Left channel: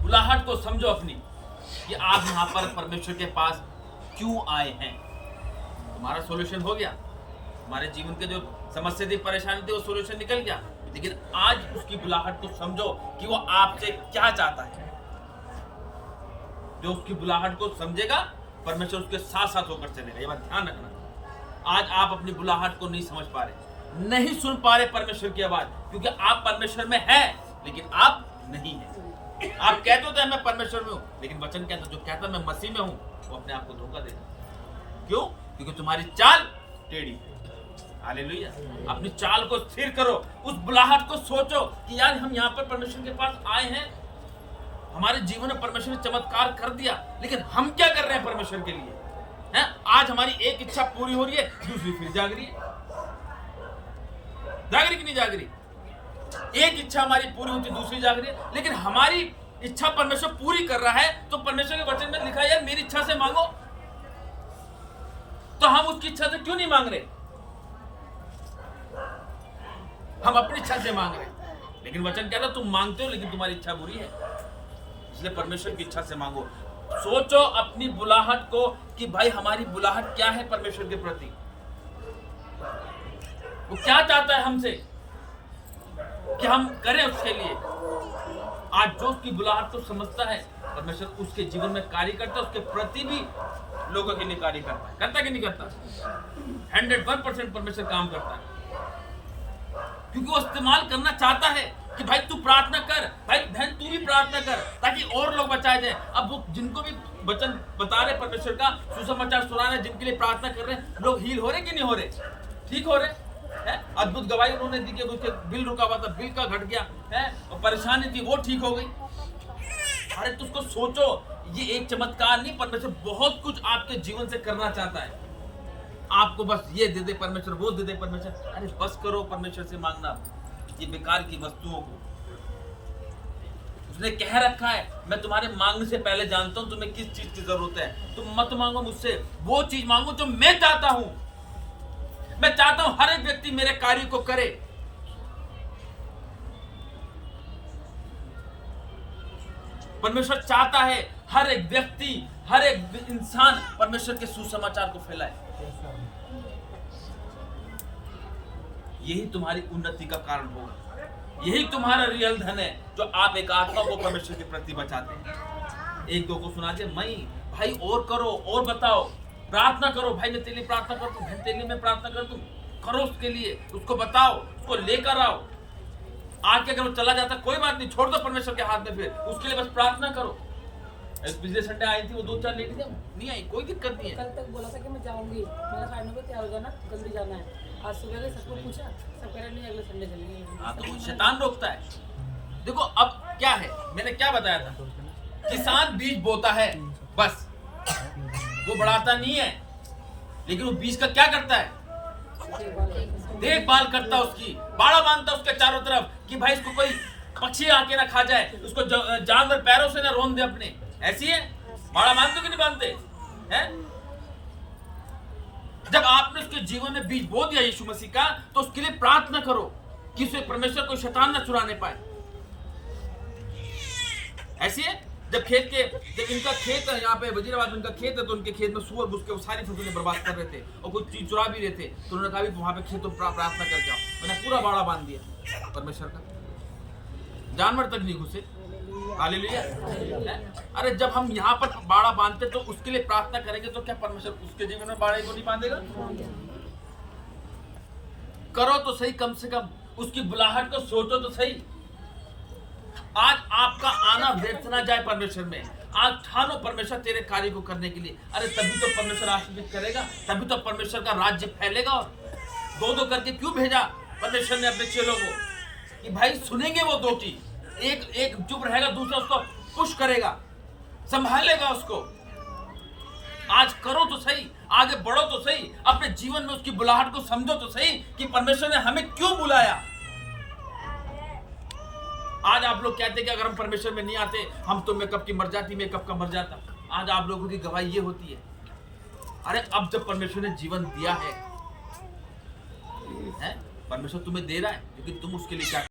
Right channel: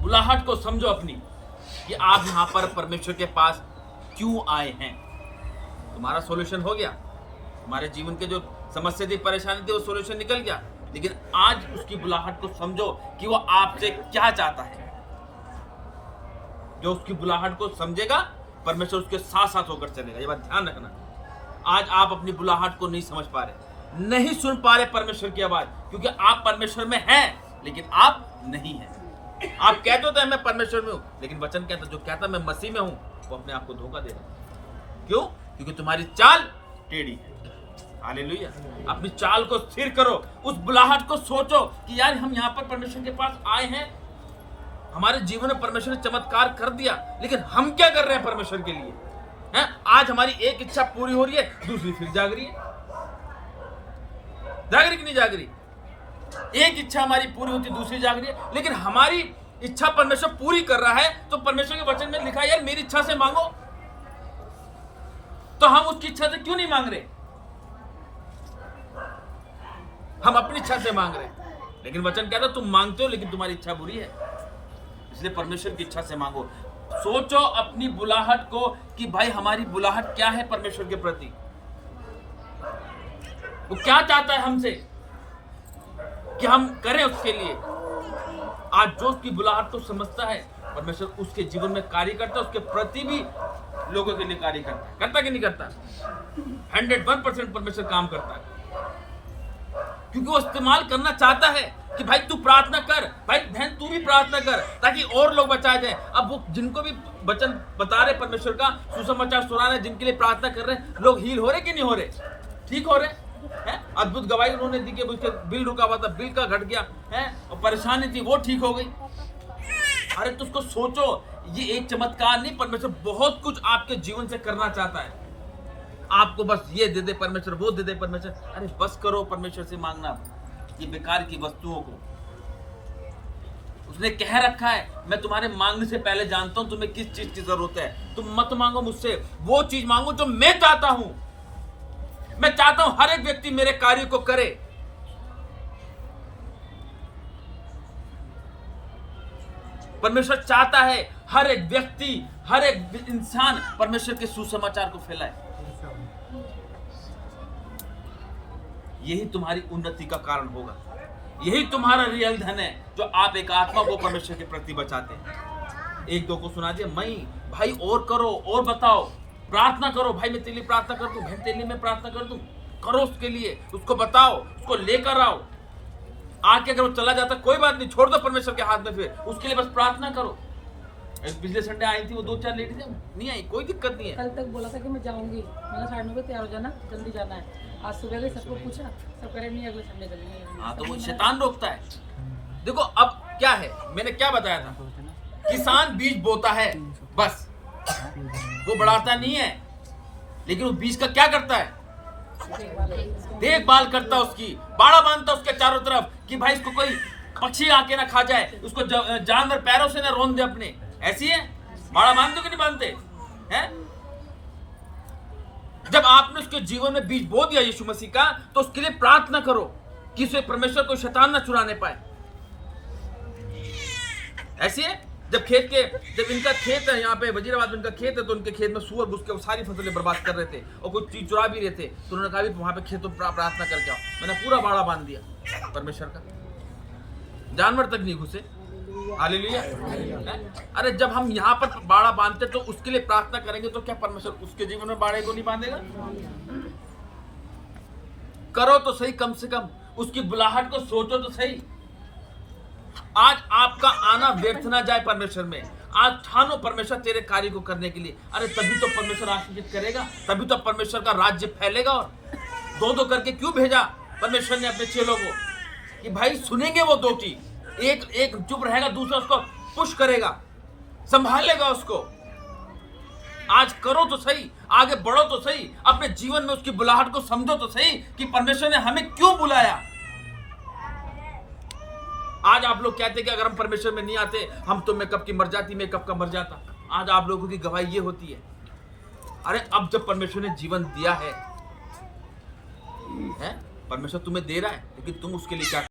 बुलाहट को समझो अपनी कि आप यहां पर परमेश्वर के पास क्यों आए हैं। तुम्हारा सॉल्यूशन हो गया, तुम्हारे जीवन के जो समस्या थी, परेशानी थी, वो सॉल्यूशन निकल गया। लेकिन आज उसकी बुलाहट को समझो कि वो आपसे क्या चाहता है। जो उसकी बुलाहट को समझेगा, परमेश्वर उसके साथ साथ होकर चलेगा। ये बात ध्यान रखना। आज आप अपनी बुलाहट को नहीं समझ पा रहे, नहीं सुन पा रहे परमेश्वर की आवाज, क्योंकि आप परमेश्वर में हैं लेकिन आप नहीं हैं। आप कहते तो मैं परमेश्वर में हूं, लेकिन वचन कहता, जो कहता मैं मसीह में हूं, वो अपने आप को धोखा दे रहा है। क्यों? क्योंकि तुम्हारी चाल टेढ़ी है। हालेलुया। अपनी चाल को स्थिर करो, उस बुलाहट को सोचो कि यार हम यहां पर परमेश्वर के पास आए हैं, हमारे जीवन में परमेश्वर ने चमत्कार कर दिया, लेकिन हम क्या कर रहे हैं परमेश्वर के लिए? हैं? आज हमारी एक इच्छा पूरी हो रही है, दूसरी फिर जाग रही है। जाग रही कि नहीं जाग रही? एक इच्छा हमारी पूरी होती, दूसरी जाग रही है। लेकिन हमारी इच्छा परमेश्वर पूरी कर रहा है, तो परमेश्वर के वचन में लिखा है यार मेरी इच्छा से मांगो। तो हम उसकी इच्छा से क्यों नहीं मांग रहे? हम अपनी इच्छा से मांग रहे हैं, लेकिन वचन कहता है तुम मांगते हो लेकिन तुम्हारी इच्छा बुरी है। इसलिए परमेश्वर की इच्छा से मांगो। सोचो अपनी बुलाहट को कि भाई हमारी बुलाहट क्या है परमेश्वर के प्रति, वो क्या चाहता है हमसे कि हम करें उसके लिए। आज जो उसकी बुलाहट को समझता है, परमेश्वर उसके जीवन में कार्य करता है, उसके प्रति भी लोगों के लिए कार्य करता है। करता कि नहीं करता? 101% परमेश्वर काम करता है, क्योंकि वो इस्तेमाल करना चाहता है कि भाई तू प्रार्थना कर, भाई बहन तू भी प्रार्थना कर, ताकि और लोग बचाए जाए। अब वो जिनको भी वचन बता रहे परमेश्वर का, सुसमाचार सुना रहे, जिनके लिए प्रार्थना कर रहे हैं, लोग हील हो रहे कि नहीं हो रहे? ठीक हो रहे हैं। अद्भुत गवाही उन्होंने दी कि उसके बिल रुका हुआ था, बिल का घट गया है, और परेशानी थी वो ठीक हो गई। अरे तो उसको सोचो, ये एक चमत्कार नहीं, परमेश्वर बहुत कुछ आपके जीवन से करना चाहता है। आपको बस ये दे दे परमेश्वर, वो दे दे परमेश्वर। अरे बस करो परमेश्वर से मांगना ये बेकार की वस्तुओं को। उसने कह रखा है मैं तुम्हारे मांगने से पहले जानता हूं तुम्हें किस चीज की जरूरत है। तुम मत मांगो मुझसे, वो चीज मांगो जो मैं चाहता हूं। मैं चाहता हूं हर एक व्यक्ति मेरे कार्य को करे। परमेश्वर चाहता है हर एक व्यक्ति, हर एक इंसान परमेश्वर के सुसमाचार को फैलाए। यही तुम्हारी उन्नति का कारण होगा, यही तुम्हारा रियल धन है, जो आप एक आत्मा को परमेश्वर के प्रति बचाते हैं। एक दो को सुना दिया, मैं भाई और करो और बताओ, प्रार्थना करो, भाई मैं तेरे लिए प्रार्थना कर दूं, बहन तेरे लिए मैं प्रार्थना कर दूं, करो उसके लिए, उसको बताओ, उसको लेकर आओ। आके अगर वो चला जाता कोई बात नहीं, छोड़ दो परमेश्वर के हाथ में, फिर उसके लिए बस प्रार्थना करो। पिछले संडे आई थी वो 2-4 लेडीज नहीं आई, कोई दिक्कत नहीं है। कल तक बोला था कि मैं जाऊंगी, मेरा 9:30 बजे तैयार हो जाना, जल्दी जाना है। आज सुबह गई, सबको पूछा, सब कह रहे नहीं अगले संडे चलेंगे। हाँ, तो वो शैतान रोकता है। देखो अब क्या है, मैंने क्या बताया था, किसान बीज बोता है बस, वो बढ़ाता नहीं है, लेकिन वो बीज का क्या करता है? देखभाल करता है, उसकी बाड़ा बांधता उसके चारों तरफ कि भाई इसको कोई पक्षी आके ना खा जाए, उसको जानवर पैरों से ना रोन दे अपने। ऐसी है, बाड़ा बांधते कि नहीं बांधते हैं? जब आपने उसके जीवन में बीज बो दिया यीशु मसीह का, तो उसके लिए प्रार्थना करो कि उसे परमेश्वर को शैतान ना चुराने पाए। ऐसी है, जब इनका खेत है, यहाँ पे वजीराबाद में इनका खेत है, तो उनके खेत में सुअर घुस के सारी फसलें बर्बाद कर रहे थे और कुछ चीज चुरा भी रहे थे, तो उन्होंने कहा भी वहां पे खेतों प्रार्थना करके आओ। मैंने पूरा बाड़ा बांध दिया परमेश्वर का, जानवर तक नहीं घुसे। हालेलुया। अरे जब हम यहाँ पर बाड़ा बांधते तो उसके लिए प्रार्थना करेंगे, तो क्या परमेश्वर उसके जीवन में बाड़े को नहीं बांधेगा? करो तो सही, कम से कम उसकी बुलाहट को सोचो तो सही। आज आपका आना व्यर्थ ना जाए परमेश्वर में। आज ठानो परमेश्वर तेरे कार्य को करने के लिए। अरे तभी तो परमेश्वर आशीषित करेगा, तभी तो परमेश्वर का राज्य फैलेगा। और दो करके क्यों भेजा परमेश्वर ने अपने चेलों को, कि भाई सुनेंगे वो दो की, एक चुप रहेगा, दूसरा उसको पुश करेगा, संभालेगा उसको। आज करो तो सही, आगे बढ़ो तो सही, अपने जीवन में उसकी बुलाहट को समझो तो सही कि परमेश्वर ने हमें क्यों बुलाया। आज आप लोग कहते कि अगर हम परमेश्वर में नहीं आते हम तो मैं कब की मर जाती, मैं कब का मर जाता। आज आप लोगों की गवाही ये होती है। अरे अब जब परमेश्वर ने जीवन दिया है, परमेश्वर तुम्हें दे रहा है, लेकिन तुम उसके लिए क्या